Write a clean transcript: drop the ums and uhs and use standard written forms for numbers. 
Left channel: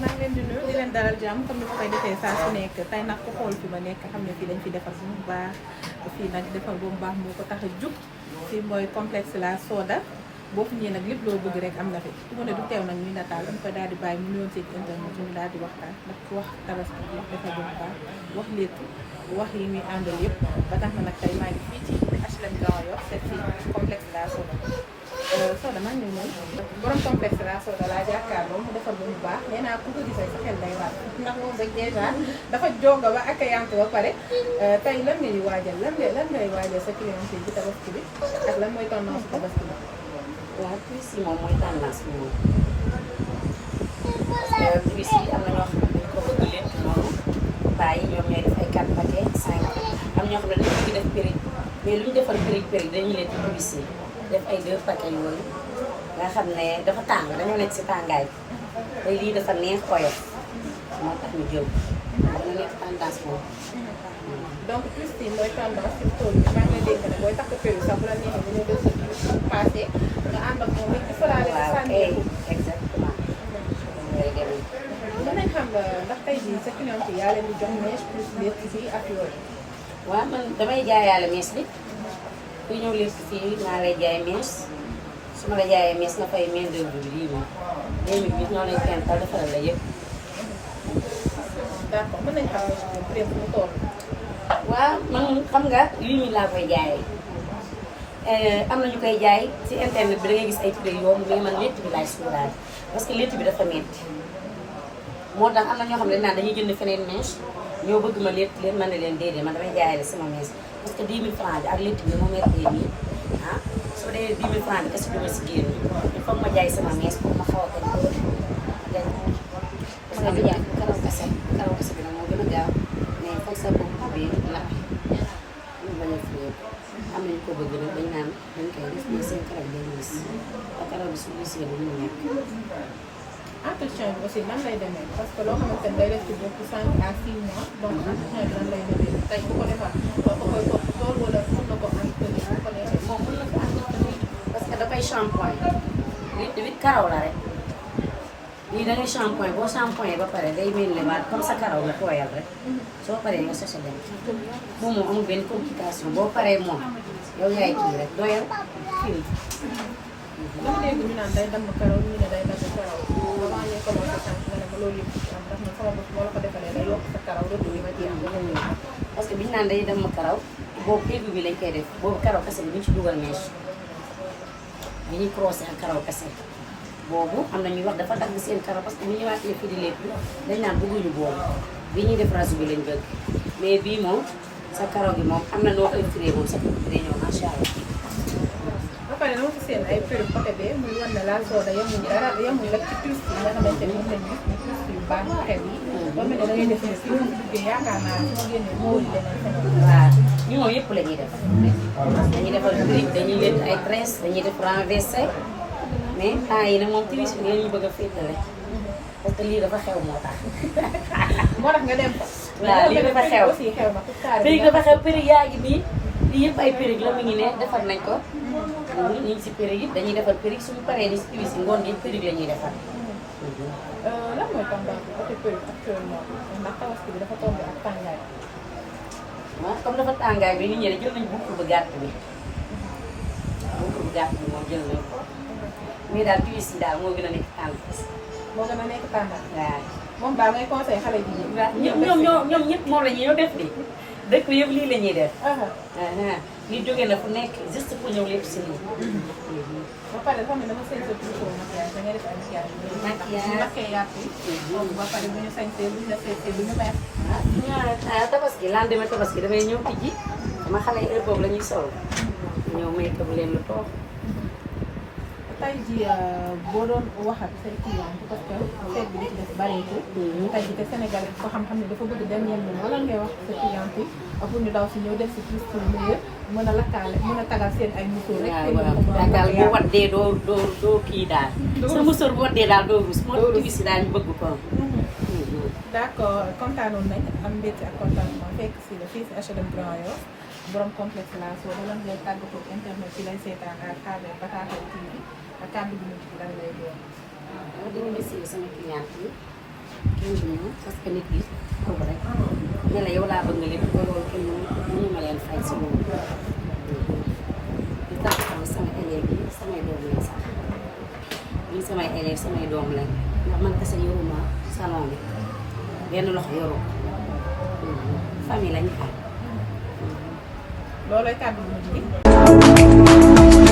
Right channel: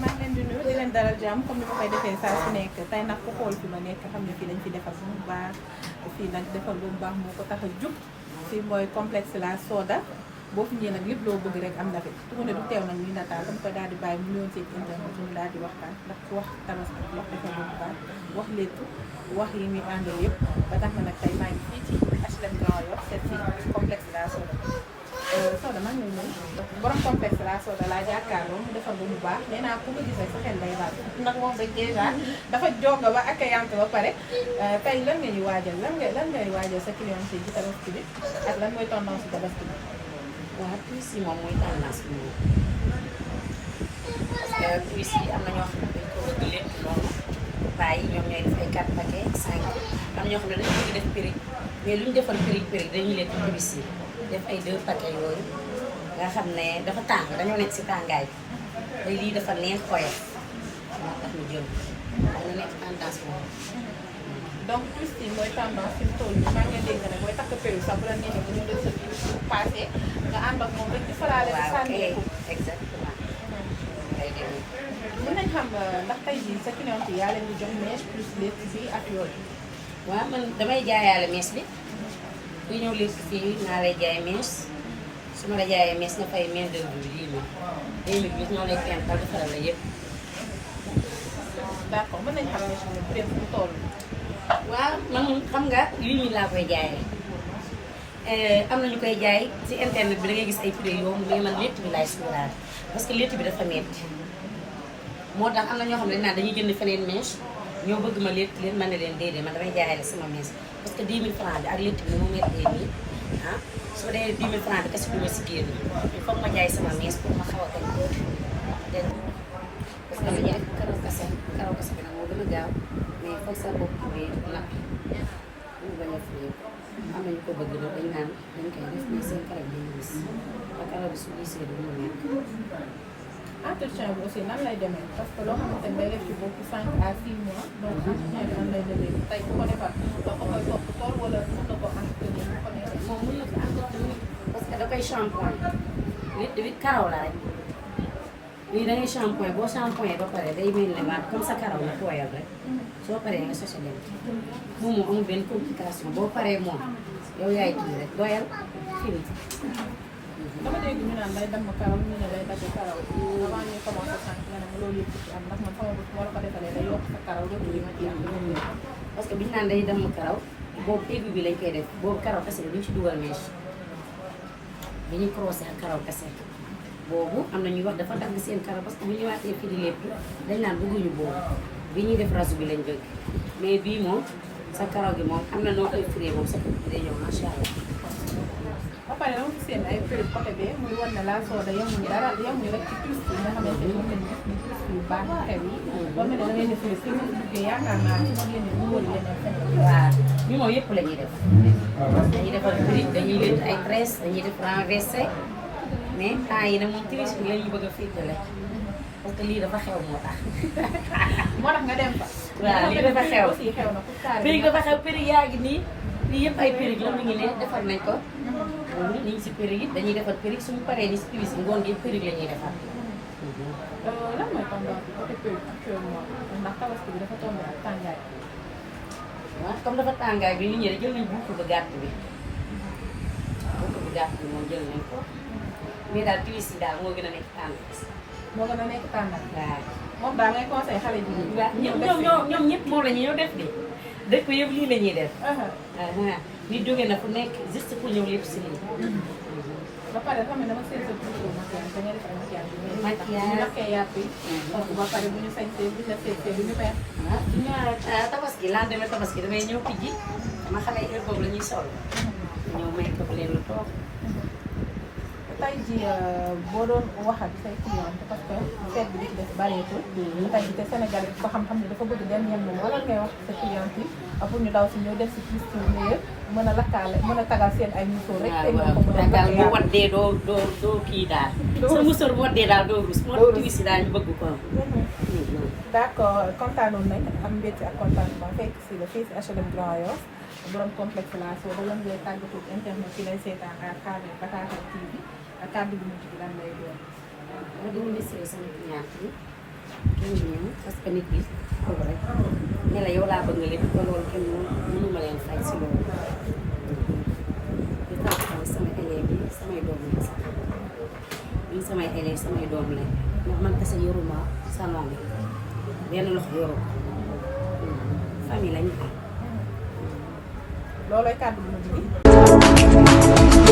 maa ngi leen di nuyu di leen dalal jàmm comme ni ma koy defee saa su nekk tey nag ku xool fi ma nekk xam ne fii dañ fi defar bu mu baax fii nag defar bu mu baax moo ko tax a jug fii mooy complexe La Soda boo fi ñëwee nag lépp loo bëgg rek am na fi su ma ne du teew nag ñuy nataal dama koy daal di bàyyi mu nuyoon seen internet ñu daal di waxtaan ndax ku wax tabaski wax defar bu mu baax wax léttu wax yi muy àndal yëpp ba tax na nag tey maa ngi fii ci HLM Grand Yoff seet si complexe La Soda Soda maa ngi lay nuyu borom complexe La Soda laa jàkkaarloo mu defar ba mu baax nee naa ku ko gis rek sa xel day laal ndax moom rek dèjà dafa jonga ba accueillante ba pare tey lan nga ñu waajal lan ngay waajal sa client ci tabaski bi ak lan mooy tendance su tabaski bi. waaw puus yi moom mooy tendance bi moom parce que puus yi am na ñoo xam ne dañ ko bëgg lépp noonu bàyyi ñoom ñooy def ay 4 paquets 5 am ñoo xam ne dañu bëgg def périg mais lu ñu defar périg dañuy lekk puus yi def ay 2 paquets yooyu nga xam ne dafa tàng dañoo nekk si tàngaay bi te lii dafa neex oyof moo tax ñu jël wax na nekk tendance moom. donc puus yi mooy tendance fi mu toll nii maa ngi lay dégg ne booy takk périg sax bu la neexee nga ñëw def sa puus bu passé nga ànd ak moom rek ci fëlaale si sànneeku. exactement. mën nañ xam ndax tey jii sa client yi yaa leen di jox mèche plus létt bi ak yooyu. waaw man damay jaayaale mèche bi ku ñëw lépp fii maa lay jaay mèche su ma la jaayee mèche nga fay main d'œuvre bi bii moom 2000 bi ñoo lay fental defaral la yëpp. d'accord mën nañ xam mèche bi prix fu mu toll. waaw man xam nga 8000 laa koy jaayee am na ñu koy jaay ci internet bi da ngay gis ay prix yomb mais man létt bi laay suuraale parce que létt bi dafa metti moo tax am na ñoo xam ne dañ naan dañuy jënd feneen mèche ñoo bëgg ma létt leen man ne leen déedéet man damay jaayale sama mèche parce que 10 000 francs bi ak létt bi na mu mettee nii ah su ma dee 10 000 francs bi kese du ma si génn il faut ma jaay sama mèche pour ma xaw a kañ dégg nga parce que jaay karaw kese bi nag moo gën a gaaw mais foog sa bopp bi nappi ñu bañ a fii am nañu ko bëgg nag dañ naan dañ koy def mais seen karaw day gis ak karaw bi su gisee du mu nekk. entretien bi aussi nan lay demee parce que loo xamante ni day def ci bopp 5 à 6 mois donc entretien bi nan lay demee tey ku ko defar da ko koy topp tool wala mën na ko entretenir bu ko neexee. moom mën na ko entretenir parce que dafay shampoing li karaw la rek lii dañuy shampoing boo shampoing ba pare day mel ne waat comme sa karaw nga tooyal rek soo paree nga sachet dem moom moo amul benn complication boo paree moom yow yaay kii rek doyal fii. dafa dégg ñu naan day damm karaw ñu ne day dagg karaw avant ñuy commencé sànq nga ne ma loolu yëpp ci am ndax man sama bopp moo la ko defalee day yokk sa karaw retour yi ma ci am dama ñëw. parce que biñu naan day damm karaw boobu péggu bi lañ koy def boobu karaw kese bi ñu ci dugal mèche bi ñuy croisé ak karaw kese boobu am na ñuy wax dafa dagg seen karaw parce que bu ñu wàccee fii di lépp dañ naan bëgguñu boobu bi ñuy def rasu bi lañ bëgg mais bii moom sa karaw bi moom am na noo koy firee moom sa côté bi day ñëw macha allah. ba pare dama gis seen ay prix côté bee muy wan ne La Soda yemul dara yemul rek ci plus yi nga xamante ni moom lañ gis ni plus yu baax yu xew yi. boo mel ne da ngay def ne si moom duggee yaakaar naa ne su génnee moo wëri leneen feneen. waaw ñu moom yëpp la ñuy def dañuy defal brique dañuy leen ay tresse dañuy def renversé mais temps yi nag moom plus bi lañu bëgg a féetale parce que lii dafa xew moo tax. moo tax nga dem fa. waaw lii dafa xew aussi xew na pour carré périg dafa xew périg yaa ngi nii lii yëpp ay périg la mu ngi ne defar nañ ko ñu ngi si périg yi dañuy defar périg suñu paree ni si plus yi ngoon yëpp périg la ñuy defar. lan mooy tendance bi côté périg actuellement ndax tabaski bi dafa tombé ak tàngaay. waaw comme dafa tàngaay bi nit ñi jël nañ bukk bu gàtt bi bukk bu gàtt bi moom jël nañ ko mais daal plus yi daal moo gën a nekk tendance. moo gën a nekk tendance. waaw moom daal ngay conseil xale jigéen ñi. waaw ñoom ñëpp moom la ñuy def di dëkk yëpp lii la ñuy def. lii jóge na fu nekk juste pour ñëw lépp si nii. ba pare dafa mel ne dama seen sa toujours maquillage da ngay def ay maquillage. maquillage ñu maquillé yàpp yi. ba pare bu ñu sañsee bu ñu la seetee bu ñu may. tabaski lendemain tabaski damay ñëw tijji ma xamee heure boobu la ñuy sol. ñëw may ko leen lu toog. tey jii boo doon waxat say client parce que seet bi di ci des bareetul. tey jii te Sénégal ko xam-xam ne dafa bëgg dem yem moom wala ngay wax sa client yi pour ñu daw si ñëw def si plus pour meilleur mën a lakkaale mën a tagal seen ay musóor rek. waaw daal bu waddee doo kii daal. sa musóor bu waddee daal doo rus. moo tax si daal ñu bëgg ko. d'accord kontaanoon nañ am mbégte ak contentement fekk si la fii si HLM Grand Yoff borom complexe La Soda lan ngay tàggatoo internet ci lay seetaan à travers Batakal TV ak kàddu gi mujj gi lan lay doon. waaw di remercier sama client yi kenn du ñëw parce que nit ki kooku rek ne la yow laa bëgg nga lépp ba loolu kenn mënu ma leen fay si loolu. di tax sama élèves yi samay doom lañ sax ñii samay élèves samay doom lañ ndax man kese yoruma salon bi benn loxo yoru famille lañ am. loolooy kàddu bu mujj gi.